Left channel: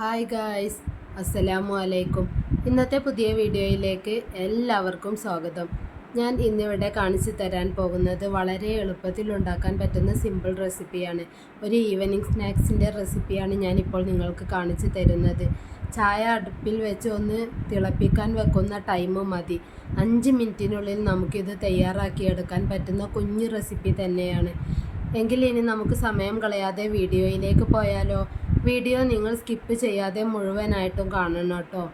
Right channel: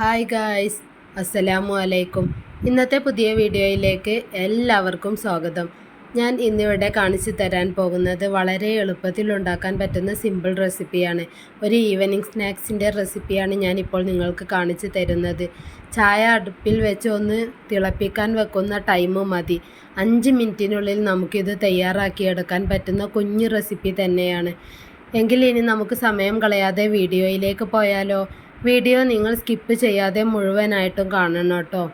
Hi guys അസ്സലാമു അലൈക്കും. ഇന്നത്തെ പുതിയ വീഡിയോയിലേക്ക് എല്ലാവർക്കും സ്വാഗതം. ഞാൻ ഇന്നിവിടെ കാണിച്ചു തരാൻ പോകുന്നത് വളരെ എളുപ്പത്തിൽ ഉണ്ടാക്കാൻ പറ്റുന്ന സിമ്പിൾ റെസിപ്പിയാണ് ഒരു ഈവനിങ് സ്നാക്സിന്റെ റെസിപ്പിയാണ് ഞാനിപ്പോൾ നിങ്ങൾക്ക് കാണിച്ചു തരുന്നത്. ചായ അടുപ്പിൽ വെച്ച് ഒന്ന് തിളപ്പിക്കാൻ വെക്കുന്ന ടൈം മതി. അഞ്ച് മിനിറ്റിനുള്ളിൽ നമുക്കിത് തയ്യാറാക്കിയെടുക്കാൻ പറ്റുന്ന കുഞ്ഞു റെസിപ്പി തന്നെയാണ്. എങ്കിൽ ഇനി നമുക്ക് സമയം കളയാതെ വീഡിയോയിലേക്ക് പോയാലോ? വീഡിയോ നിങ്ങൾ സ്കിപ്പ് ചെയ്യാതെ മുഴുവനായിട്ടും കാണണം കേട്ടോ.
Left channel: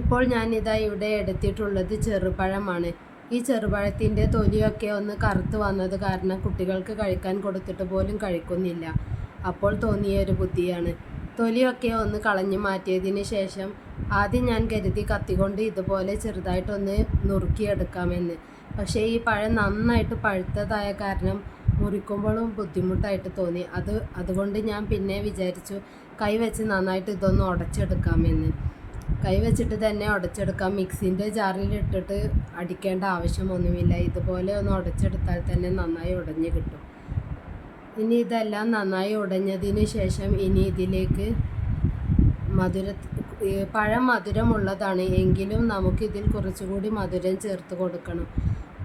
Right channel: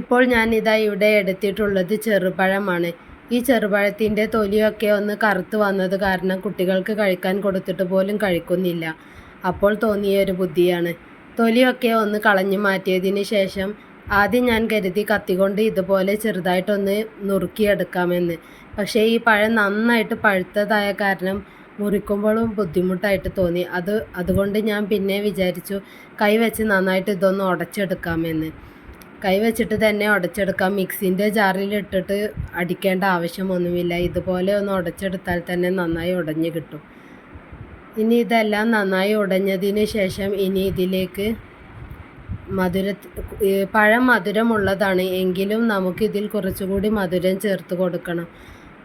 ഇപ്പോൾ ഞാനിതാ ഇവിടെ എടുത്തിട്ടുള്ളത് ചെറുപഴമാണ്. ഈ ചെറുപഴത്തിന്റെ തൊലിയൊക്കെ ഒന്ന് കറുത്ത് വന്നത് കാരണം കുട്ടികൾക്ക് കഴിക്കാൻ കൊടുത്തിട്ട് പോലും കഴിക്കുന്നില്ല. അപ്പോൾ തോന്നിയ ഒരു ബുദ്ധിയാണ്. തൊലിയൊക്കെ ഒന്ന് കളഞ്ഞു മാറ്റിയതിന് ശേഷം ആദ്യം ഞാൻ കരുതി കത്തിക്കൊണ്ട് ഇതുപോലെ ചെറുതായിട്ടൊന്ന് നുറുക്കിയെടുക്കാമെന്ന്. പക്ഷേ ഈ പഴം നന്നായിട്ട് പഴുത്തതായ കാരണം മുറിക്കുമ്പോഴും ബുദ്ധിമുട്ടായിട്ട് തോന്നി. അത് അതുകൊണ്ട് ഞാൻ പിന്നെ വിചാരിച്ചു കൈ വെച്ച് നന്നായിട്ട് ഇതൊന്ന് ഉടച്ചെടുക്കാമെന്ന്. കൈ വെച്ചിട്ട് തന്നെ ഉടച്ചെടുക്കാം. മിക്സിന്റെ ജാറിൽ ഇട്ടിട്ട് അടിക്കേണ്ട ആവശ്യമൊന്നുമില്ല. ഇതുപോലെ ഒന്ന് ഉടച്ചെടുത്താൽ തന്നെ നന്നായി ഉടഞ്ഞ് കിട്ടും. ഇനി ഇതെല്ലാം നന്നായി ഉടഞ്ഞതിന് ശേഷം ഇനി ഇതിലേക്ക് മധുര പഴം മധുരമുള്ളതാണ്. എങ്കിലും നമുക്കിതിൽ കുറച്ചുകൂടി മധുരം ചേർത്ത് കൊടുക്കണം.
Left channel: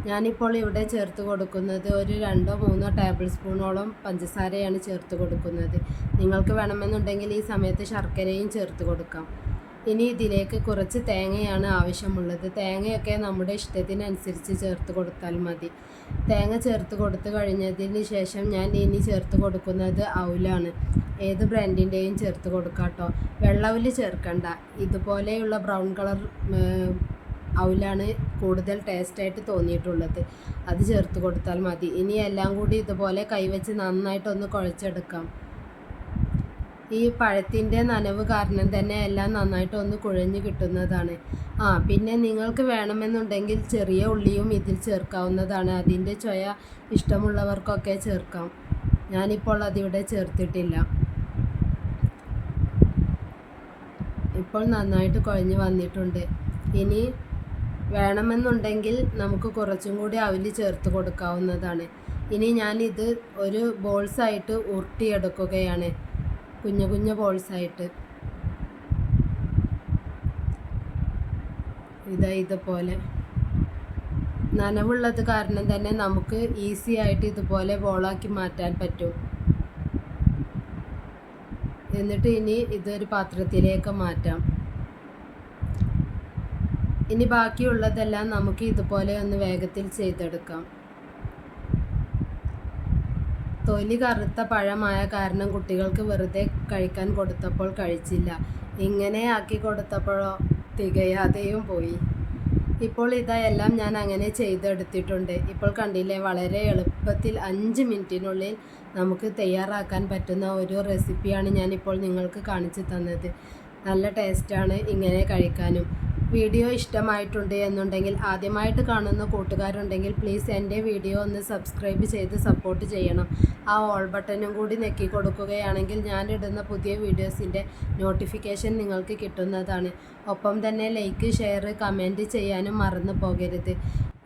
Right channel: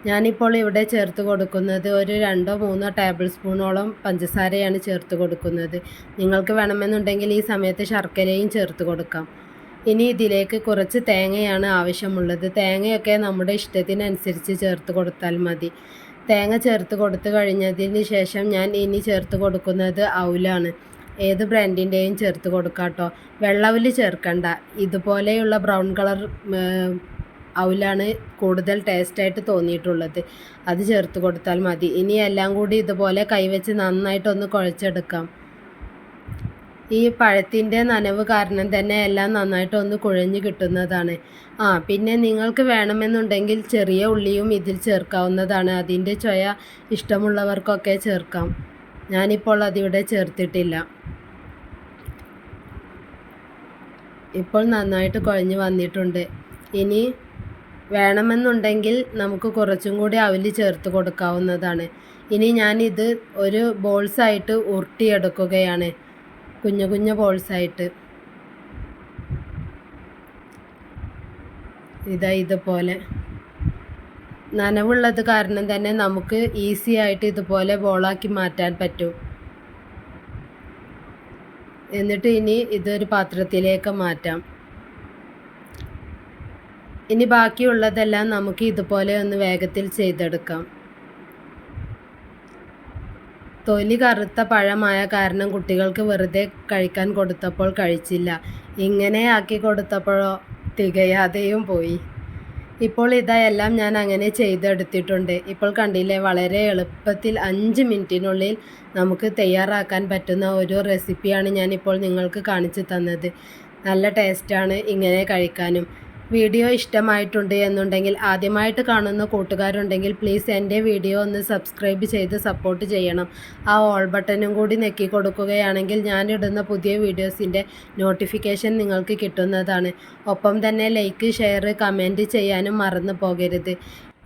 ഞാനിപ്പോൾ ഇവിടെ ചേർത്ത് കൊടുക്കുന്നത് ഒരു രണ്ടോ മൂന്നോ ടേബിൾ സ്പൂണോളം പഞ്ചസാരയാണ് ചേർത്ത് കൊടുക്കുന്നത്. നിങ്ങൾക്ക് വേണമെന്നുണ്ടെങ്കിൽ ഈ സമയത്ത് ശർക്കരയും ചേർത്ത് കൊടുക്കാം. ഇനി ഇതിലേക്ക് കുറച്ച് തേങ്ങയാണ് ആവശ്യമുള്ളത്. തേങ്ങയൊക്കെ നമ്മുടെ ഇഷ്ടത്തിനനുസരിച്ച് ചേർത്ത് കൊടുത്താൽ മതി. തേങ്ങ ചേർത്ത് കൊടുത്തു കഴിഞ്ഞതിന് ശേഷം ഞാൻ ഇനി ചേർത്ത് കൊടുക്കുന്നത് ഔലാണ്. ഏത് ബ്രാൻഡിന്റെയും ചേർത്ത് കൊടുക്കാം കേട്ടോ. വെള്ളവിൽ ചേർക്കണ്ട. ഇതുപോലെയുള്ള ബ്രൗൺ കളർ ഔലാണ് കൂടുതൽ ടേസ്റ്റായിട്ട് തോന്നിയിട്ടുള്ളത്. അത് ചേർത്ത് കൊടുത്താൽ മതി. ഇനി എല്ലാം കൂടി ഇതുപോലെ കൈവച്ച് നന്നായിട്ടൊന്ന് കുഴച്ചെടുക്കാം. ഈ പഴത്തിന്റെ നനവ് കാരണം തന്നെ എല്ലാം നന്നായിട്ട് ഒന്ന് കുഴഞ്ഞു കിട്ടുന്നതാണ്. ആ പിന്നെ നിങ്ങൾക്ക് വേണമെന്നുണ്ടെങ്കിൽ ചെറിയ ഉള്ളിയും ഇതിൽ ചേർക്കാവുന്നതാണ്. അതിന്റെ ചൊയ ഇഷ്ടമുള്ളവർക്കൊക്കെ ചേർക്കാം. ഞാനിപ്പോൾ അതിവിടെ ചേർത്തിട്ടില്ല. ഇപ്പോൾ നന്നായിട്ട് കുഴഞ്ഞു വന്നിട്ടുണ്ട്. ഇനി വേണമെന്നുണ്ടെങ്കിൽ നമുക്ക് കുറച്ചും കൂടി അവൽ ചേർത്ത് കൊടുക്കാവുന്നതാണ്. ഇനി ഞാനിത് ഒരു ബോൾസായിട്ട് ഉരുട്ടിയെടുക്കുകയാണ്. കുഞ്ഞു കുഞ്ഞു ബോൾസായിട്ട്. ഇതാ ഇതുപോലെ. നനവുള്ളത് കാരണം തന്നെ നമുക്ക് ഈസി ആയിട്ട് ഇതുപോലെ ബോളാക്കി മാറ്റാൻ പറ്റും. എന്നിട്ട് ഇനി ഇതൊരു പാത്രത്തിലേക്ക് മാറ്റാം. ഇനി ബാക്കിയുള്ളതെല്ലാം നമുക്ക് ഇതുപോലെ ഒന്ന് വേഗത്തിൽ ചെയ്തെടുക്കാം. തൊലി കറുത്ത പഴമായ കാരണം കുട്ടികൾക്ക് വെറുതെ കഴിക്കാൻ കൊടുത്തപ്പോൾ കഴിച്ചില്ല. ഇങ്ങനെ ആക്കി കൊടുത്തപ്പോഴോ തികയാതെയും പോയി. ഇപ്പോൾ ഇതെല്ലാം ഞാൻ അങ്ങനെ ചെയ്തെടുത്തിട്ടുണ്ട്. ഇപ്പോൾ കണ്ടില്ലേ വളരെ എളുപ്പത്തിൽ അഞ്ച് മിനിറ്റിനുള്ളിൽ നമുക്ക് തയ്യാറാക്കാൻ പറ്റുന്ന ഒരു റെസിപ്പിയാണ് ഞാനിപ്പോൾ നിങ്ങൾക്ക് കാണിച്ചു തന്നത്. നല്ല ടേസ്റ്റാണ് ഇങ്ങനെ കഴിക്കാനും. വീഡിയോ ഇഷ്ടമായിട്ടുണ്ട് എന്നുണ്ടെങ്കിൽ ആദ്യമായിട്ട് കാണുന്ന കൂട്ടുകാരുണ്ടെങ്കിൽ പ്ലീസ് എന്റെ വീഡിയോ ഒന്ന് സബ്സ്ക്രൈബ് ചെയ്ത് സപ്പോർട്ട് ചെയ്യണം. ആ ഓൾ ബട്ടനും കൂടി നെക്കി കൊടുക്കുകയാണെങ്കിൽ ഞാനിടുന്ന പുതിയ വീഡിയോസിന്റെ നോട്ടിഫിക്കേഷൻ നിങ്ങൾക്ക് കിട്ടുന്നതാണ്. ഒപ്പം തന്നെ ലൈക്ക് ഷെയർ കമന്റ് ചെയ്യാനും മറന്നു പോകരുത്.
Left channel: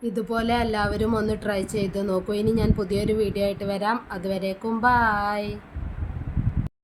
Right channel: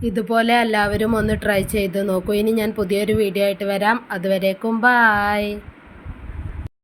ഇതുപോലെ എല്ലാവരും ഒന്ന് ട്രൈ ചെയ്ത് നോക്കൂ. ഇനി ഞാൻ പുതിയൊരു വീഡിയോ ആയിട്ട് വരാം. അതുവരേക്കും ബായ്